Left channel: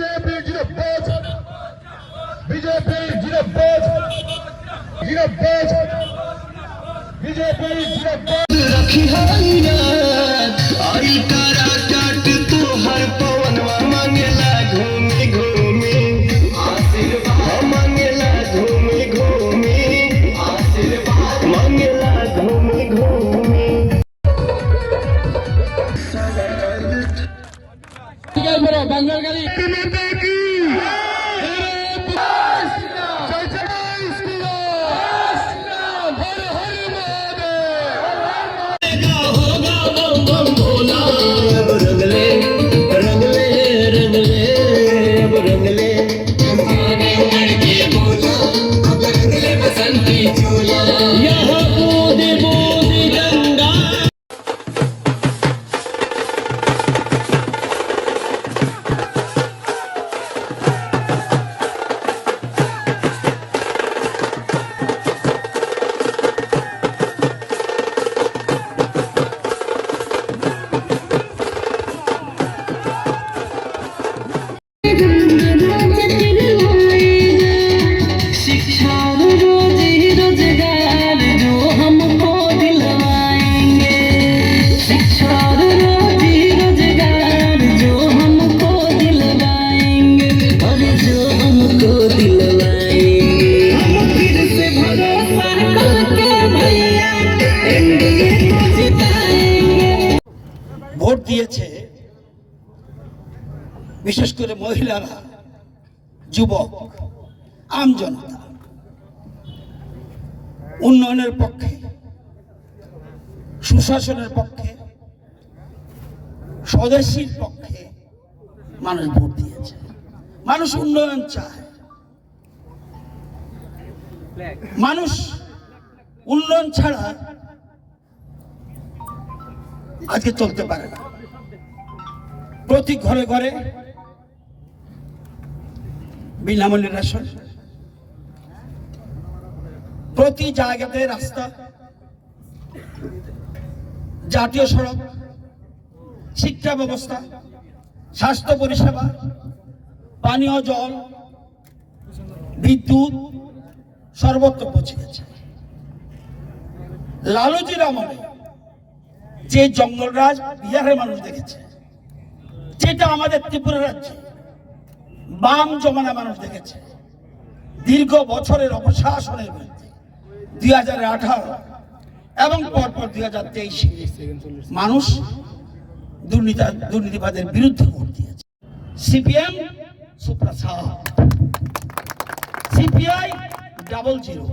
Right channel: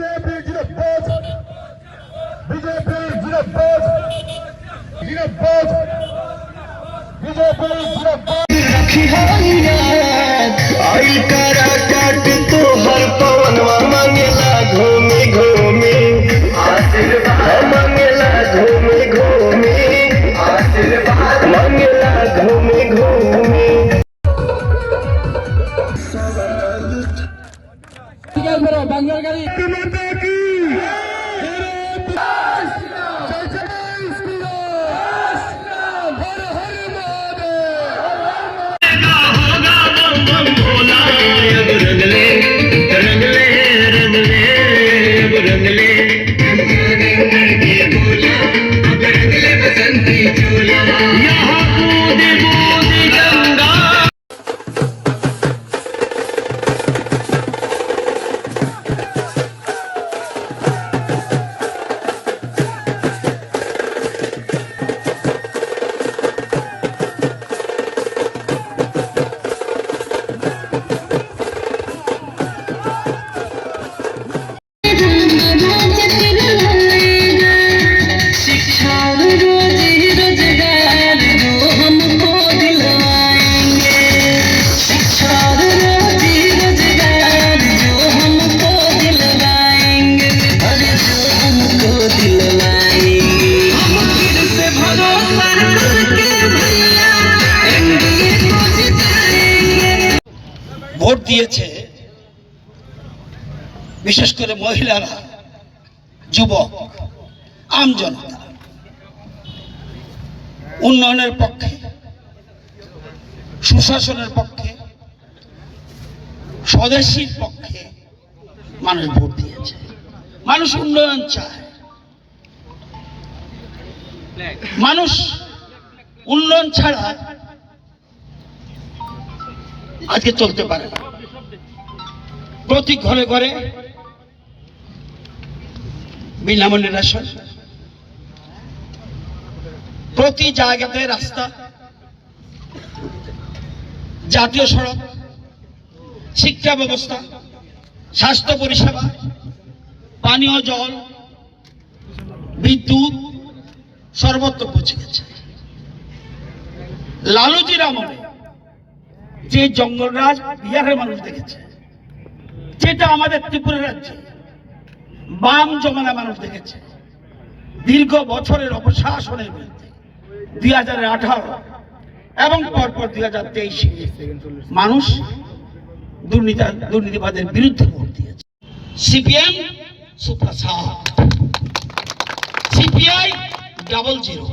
BJP ജിനബോസ് BJP ജിനബോസ് ജിനബോസ് ബിജെപി ജിനബോസ് रखी है आई करा काट तो हर पवनवा मांगेला घूमे। घूमे मांगेला घूमे। घूमे मांगेला घूमे घूमे। मेरे बैंगलोर गली। দিয়েছে, বিশেষ করে মহিলারা, যুবক, আম জনতা। উন্নয়নের পক্ষে, সুশাসনের পক্ষে, স্বদেশীর পক্ষে মানুষ ভোট দিয়েছে। মানুষ উন্নয়ন চায়। মানুষ উন্নয়ন ছাড়া আজকে চলতে পারে না। প্রতি ঘরে ঘরে বিনামূল্যে রেশন প্রতি জায়গাতে রাস্তা, জাতীয় সড়ক, শিক্ষা ব্যবস্থা, স্বাস্থ্য পরিষেবা, পানীয় জল, বিদ্যুৎ, সর্বত্র পৌঁছে গেছে। লালুজির আমলে যে জঙ্গলরাজ বিহারের মানুষ দেখেছে যেটা আমাদের ত্রিপুরা রাজ্যে বাম জমানা মানুষ দেখেছে। দীর্ঘ বছরের অপশাসনের বিরুদ্ধে দুই হাজার আঠারো এবং পরপর দুই হাজার তেইশে মানুষ দুর্নীতি দুর্নীতিবাদের বিরুদ্ধে ভোট দিয়েছে। CPM super CPI double zero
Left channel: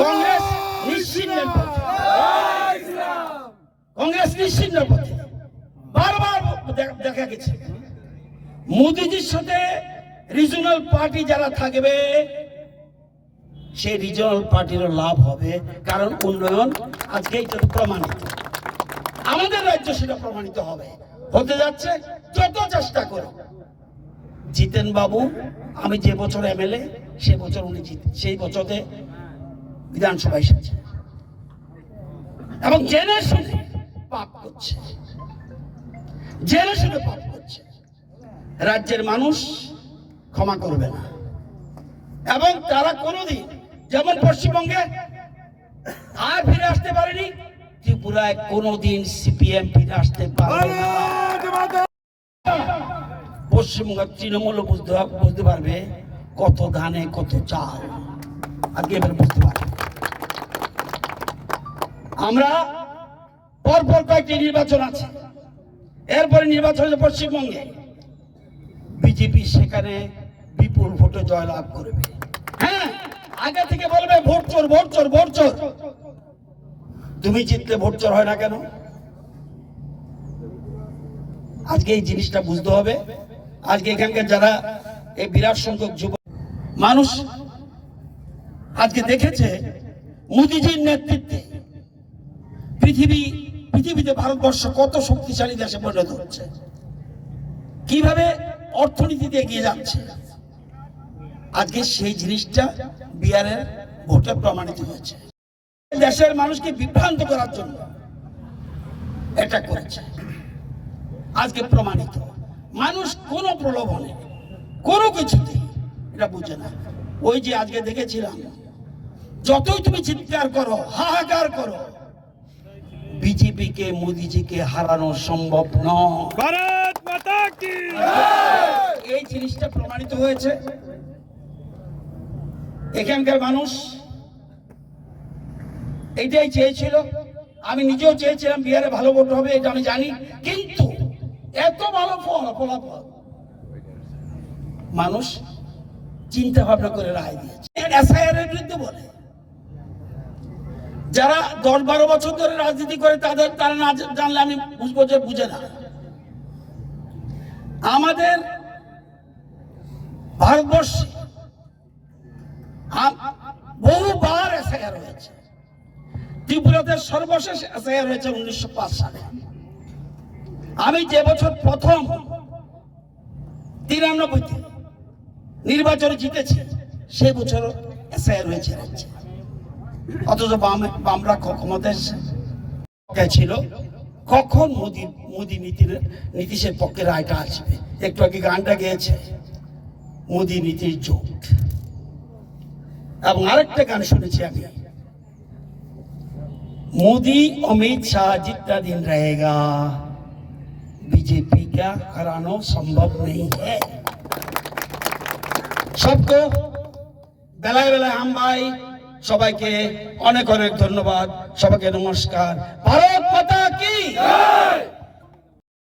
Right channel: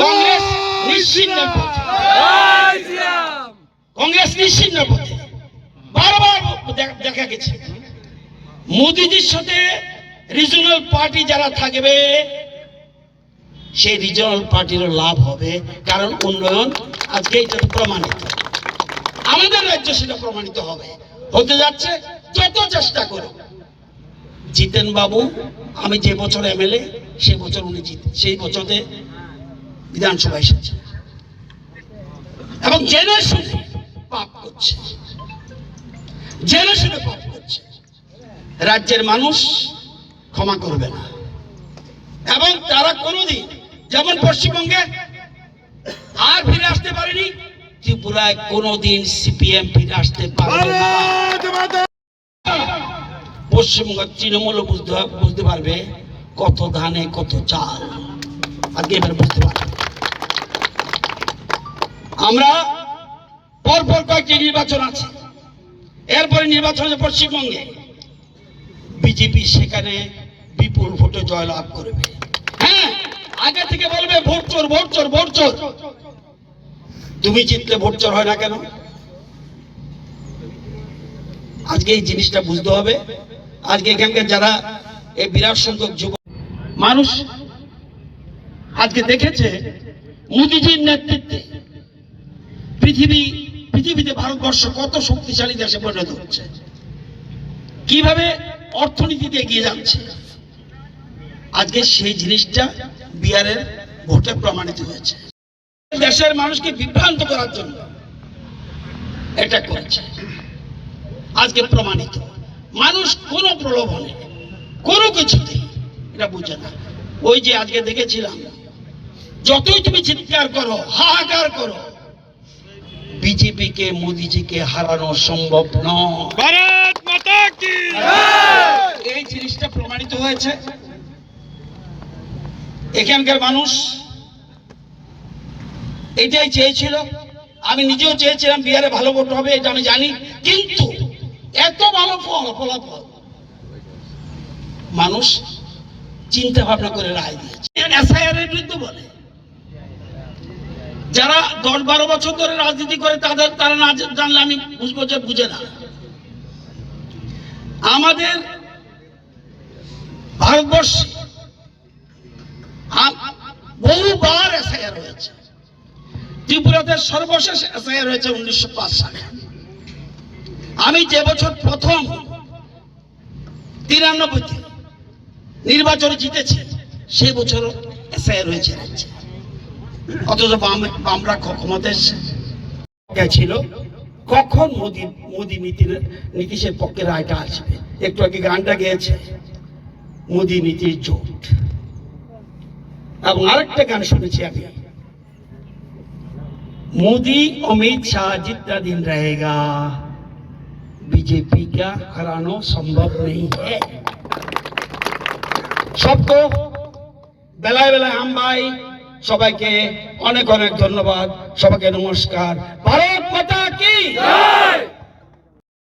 Congress নিশ্চিন্নের পথে। কংগ্রেস নিশ্চিন্ন পথে। দেখ- গেছে। মোদিজির সাথে রিজনাল পার্টি যারা থাকবে, সেই রিজনাল পার্টিরও লাভ হবে, কারণ উন্নয়ন আজকে এটা প্রমাণিত। আমাদের রাজ্য সেটা প্রমাণিত হবে। হতে যাচ্ছে যত চেষ্টা করো জিতেন বাবু আমি যে বছর এমএলএ, সে বছর উনি জিত সেই বছরে বিধানসভায় এসেছে। এবং জেনে শুনে পাপ করছে। জেনে শুনে পাপ করছে রাজ্যের মানুষ ক্ষমা করবে না। এবং তারা কোনোদিন যেমন পশ্চিমবঙ্গে আর ফিরে আসতে পারেনি ত্রিপুরায় কোনোদিন সিপিএম ফিরে আসতে পারবে না। পশ্চিমবঙ্গের তৃণমূল বুঝতে বুঝতে পারবে কত ধানে কত চাল। আজকে এবার বুঝতে পারবে। আমরা পরপর কয়েকটি নির্বাচন আছে। এরপরে নির্বাচন হচ্ছে পশ্চিমবঙ্গে। বিজেপি সেখানে বিপুল ভোটে জয়লাভ করবে। হ্যাঁ আগে থেকে বলবে ভোট চোর ভোট চোর ভোট চোর। তুমি জিতলে ভোট চোর হয় না কেন? আজকে এই জিনিসটা বুঝতে হবে। আজকে এখানকার যারা এই বিরাট সংখ্যক যুব মানুষ আজকে দেখেছে, মোদিজির নেতৃত্বে পৃথিবী পৃথিবীতে ভারতবর্ষ কত শক্তিশালী দেশে পরিণত হচ্ছে? কীভাবে অর্থনীতিতে এগিয়ে যাচ্ছে? আজকে সেই জিনিসটা বিহারের ভোটে প্রমাণিত হয়েছে। দেশের মানুষকে বিভ্রান্ত করার জন্য এটা করেছে। আজকে প্রমাণিত। মানুষ কোনো প্রলোভনে, কোনো কিছুতে এটা বুঝে না। ওই যে আজকে দেখেছিলাম, যতই তুমি চিৎকার করো, হাহাকার করো বিজেপিকে মোদিজিকে হারানো সম্ভব নয়। এই জিনিসটা প্রমাণিত হয়েছে। এখানকার মানুষ এটাই চেয়েছিল। আমি নিজেও চেয়েছিলাম বিহারে ভালো ভোট হবে এটা আমি জানি। কিন্তু এত ভালো ফল ফলাফল মানুষ চিন্তা ভাবনা করে রায় দিয়েছে। এসআইআর এর বিরুদ্ধে বলে। যারা দশ বারো বছর ধরে রাজনীতি করে, তাদের তারা না জানলে আমি বুঝব যে বুঝে না। আমাদের ভারতবর্ষে বহুবার এসআইআর হয়েছে। ত্রিপুরাতে সর্বশেষ এসআইআর হয়েছে উনিশশো পাঁচ সালে। আমি যে বছর প্রথম তিরানব্বইতে নির্বাচনে জিতেছি, সে বছর এসআইআর হয়েছে রাজ্যে। অথচ বাম বামরা ক্ষমতা এসছে ছিল কখন মোদি মোদি নীতি নীতিশের পক্ষে রায়টা আসবে একটু আগে গানটা গেয়েছে মোদি নীতির জোট এবং আরেকটা গান শুনেছি আমি मोदी अमित शाह जितना दिन रहेगा बीजेपी का हराना संभव नहीं है सबको বেলায় বেলায় আম ভাই সবাইকে অনেক অনেক ধন্যবাদ সবাইকে নমস্কার। ভারত মাতা কি?